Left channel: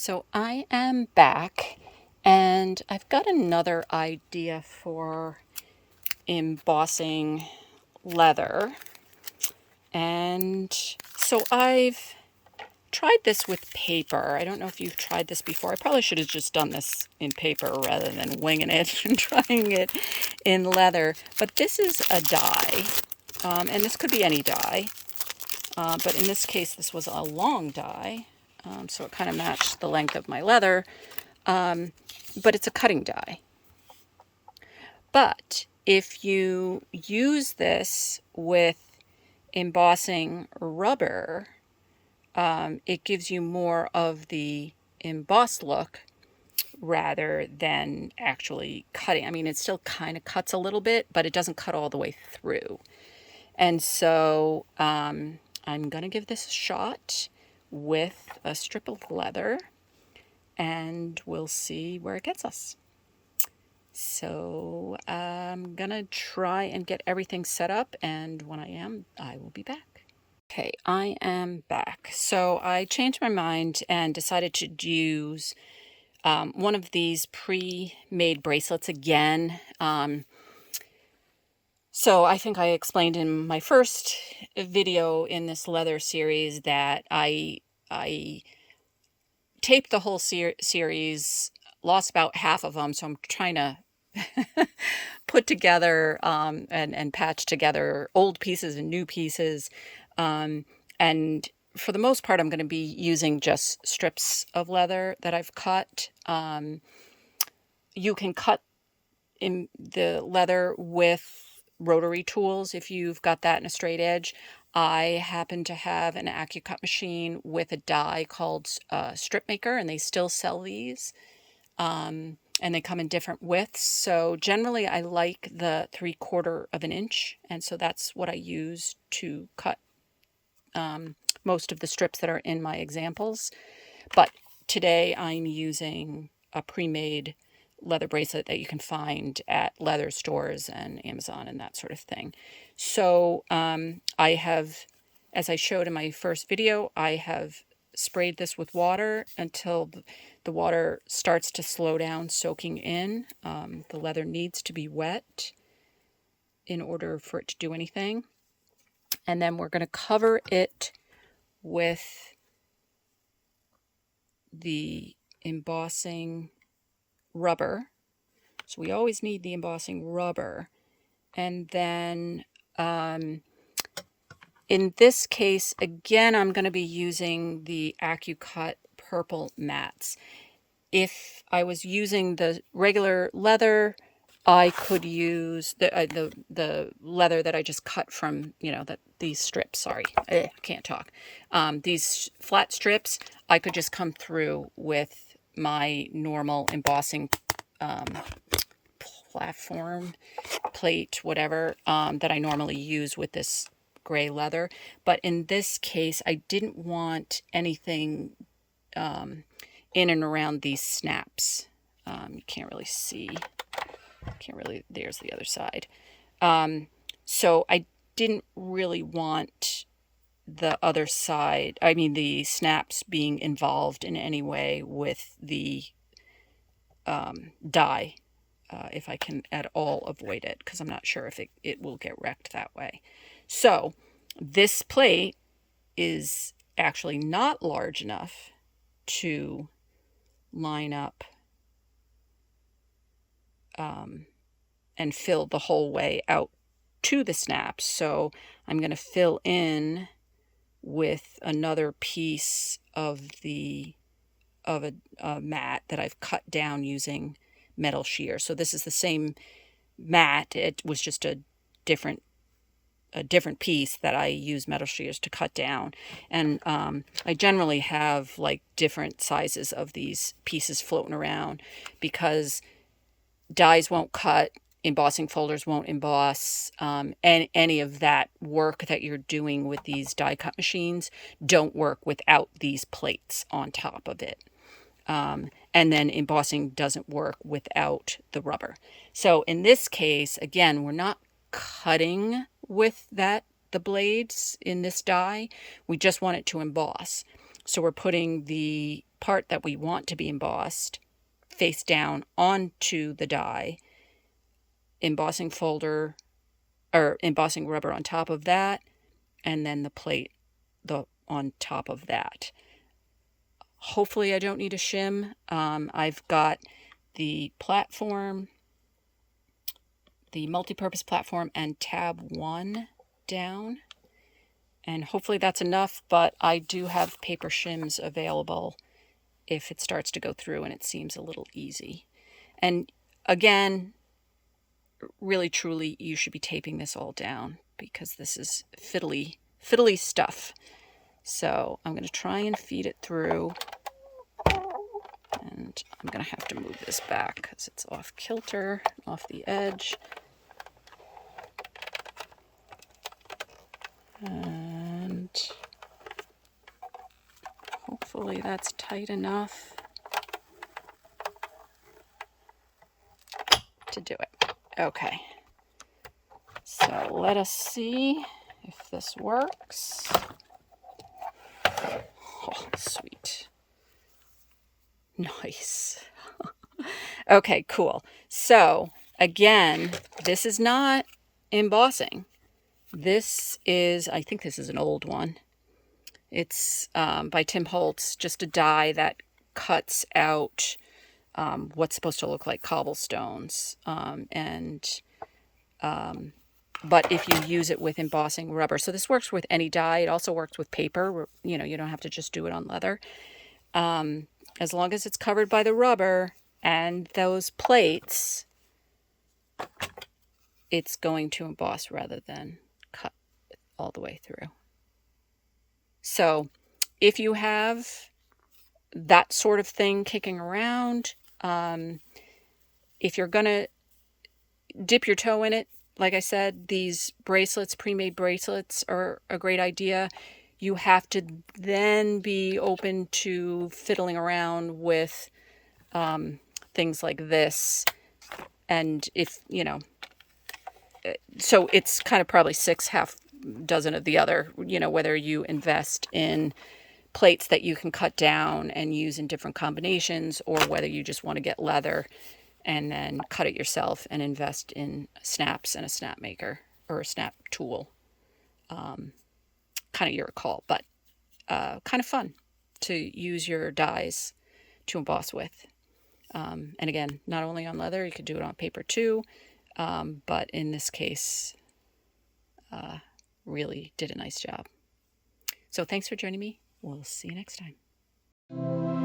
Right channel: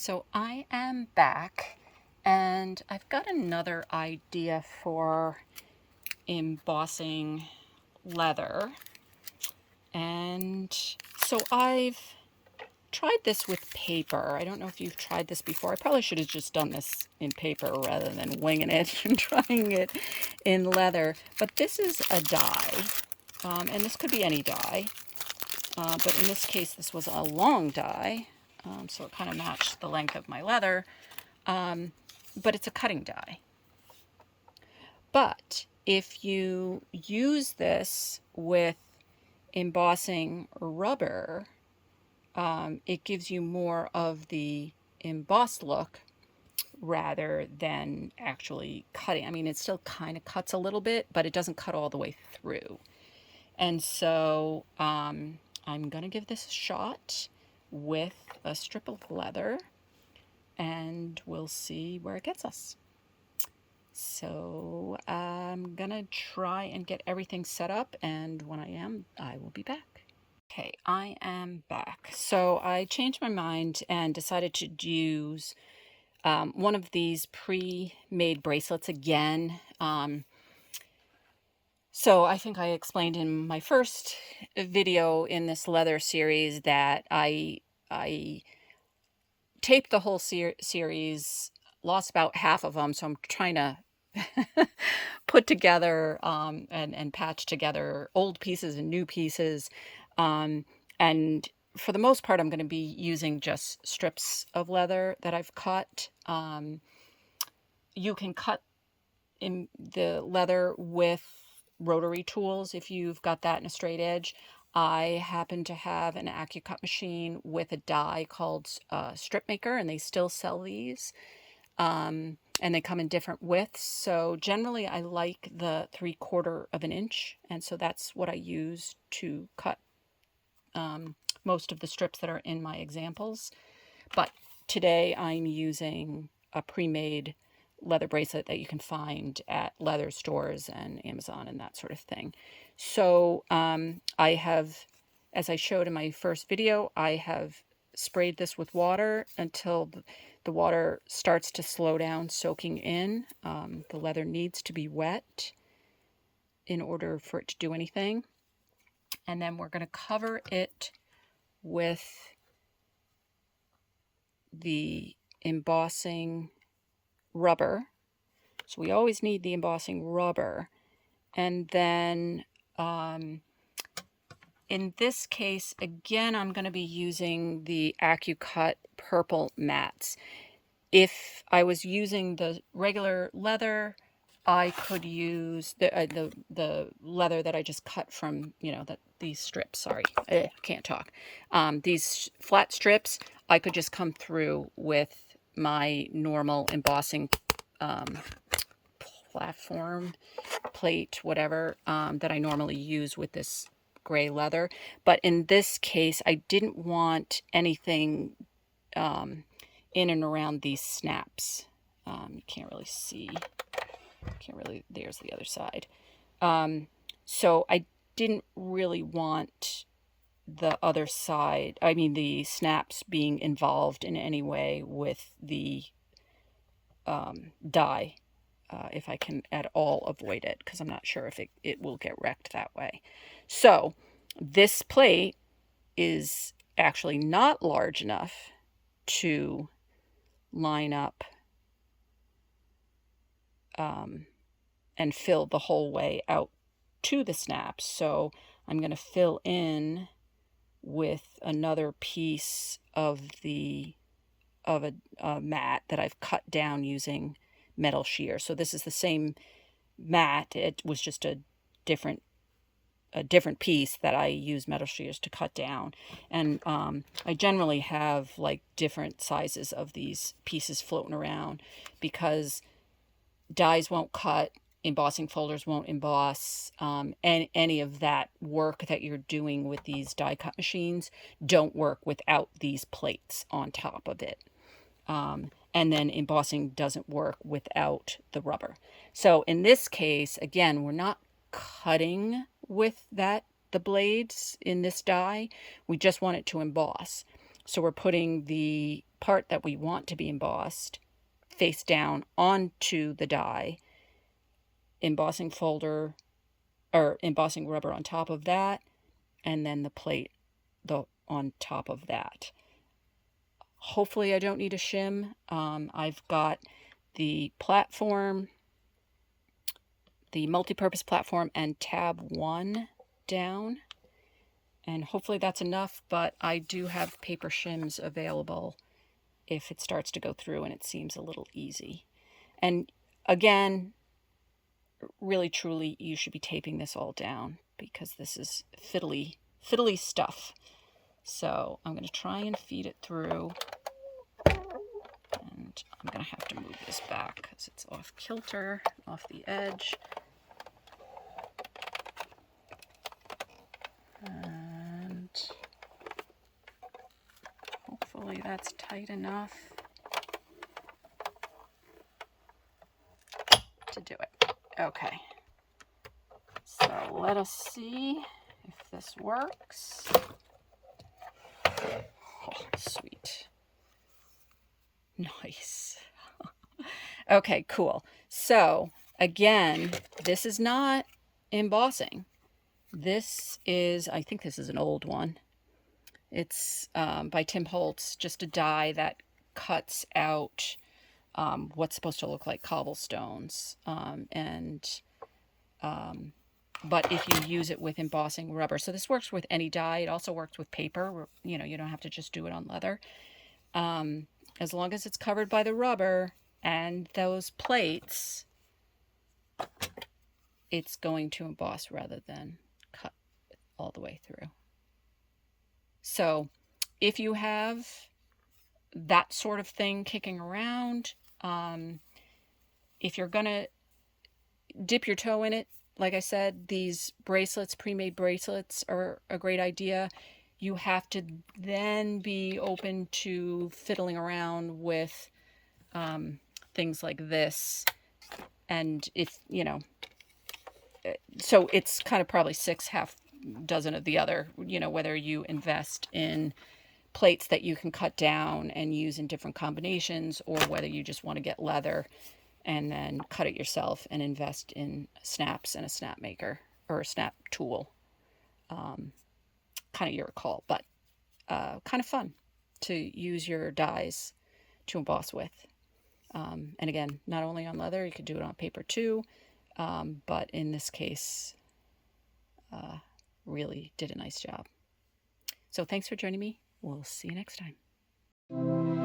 So I am back and I've got another idea for embossing leather. And so I've tried this with paper. I don't know if you've tried this before. I probably should have just done this in paper rather than winging it and trying it in leather. But this is a die, and this could be any die. But in this case, this was a long die, so it kind of matched the length of my leather. But it's a cutting die. But if you use this with embossing rubber, it gives you more of the embossed look rather than actually cutting. I mean, it still kind of cuts a little bit, but it doesn't cut all the way through. And so I'm going to give this a shot with a strip of leather, and we'll see where it gets us. So I'm going to try and get everything set up, and when I am, I will be back. Okay, I am back. So I changed my mind and decided to use one of these pre-made bracelets again. So I think I explained in my first video in this leather series that I taped the whole series, lost about half of them, so I'm trying to put together and patch together old pieces and new pieces. And for the most part, I'm going to be using just strips of leather that I've cut. You can cut in the leather with rotary tools if you've got that in a straight edge. I happen to have an AccuCut machine with a die called Strip Maker, and they still sell these. And they come in different widths. So generally I like the 3/4 of an inch. And so that's what I use to cut most of the strips that are in my examples. But today I'm using a pre-made leather bracelet that you can find at leather stores and Amazon and that sort of thing. So I have, as I showed in my first video, I have sprayed this with water until the water starts to slow down soaking in. The leather needs to be wet in order for it to do anything. And then we're going to cover it with the embossing rubber. So we always need the embossing rubber. And then in this case, again, I'm going to be using the AccuCut purple mats. If I was using the regular leather, I could use the leather that I just cut from, these strips. Sorry, I can't talk. These flat strips, I could just come through with my normal embossing platform, plate, whatever, that I normally use with this gray leather. But in this case, I didn't want anything in and around these snaps. You can't really see. There's the other side. So I didn't really want the other side, the snaps being involved in any way with the die, if I can at all avoid it, because I'm not sure if it will get wrecked that way. So this plate is actually not large enough to line up and fill the whole way out to the snaps. So I'm going to fill in with another piece of a mat that I've cut down using metal shear. So this is the same mat. It was just a different piece that I use metal shears to cut down. And I generally have like different sizes of these pieces floating around because dies won't cut, embossing folders won't emboss, and any of that work that you're doing with these die cut machines don't work without these plates on top of it. And then embossing doesn't work without the rubber. So in this case, again, we're not cutting with the blades in this die. We just want it to emboss. So we're putting the part that we want to be embossed face down onto the die, embossing folder or embossing rubber on top of that, and then the plate on top of that. Hopefully I don't need a shim. I've got the platform, the multi-purpose platform, and tab 1 down, and hopefully that's enough, but I do have paper shims available if it starts to go through and it seems a little easy. And again, really truly, you should be taping this all down because this is fiddly stuff. So I'm going to try and feed it through, and I'm going to have to move this back because it's off kilter, off the edge. And hopefully that's tight enough to do it. Okay. So let us see if this works. Oh, sweet. Nice. Okay, cool. So again, this is not embossing. This is, I think this is an old one. It's by Tim Holtz, just a die that cuts out what's supposed to look like cobblestones. But if you use it with embossing rubber, so this works with any die. It also works with paper. You know, you don't have to just do it on leather. As long as it's covered by the rubber and those plates, it's going to emboss rather than cut all the way through. So if you have that sort of thing kicking around, if you're going to dip your toe in it, like I said, these bracelets, pre-made bracelets, are a great idea. You have to then be open to fiddling around with things like this. And if, you know, so it's kind of probably 6 half dozen of the other, you know, whether you invest in plates that you can cut down and use in different combinations, or whether you just want to get leather and then cut it yourself and invest in snaps and a snap maker or a snap tool. Kind of your call, but kind of fun to use your dies to emboss with. And again, not only on leather, you could do it on paper too, but in this case, really did a nice job. So thanks for joining me. We'll see you next time.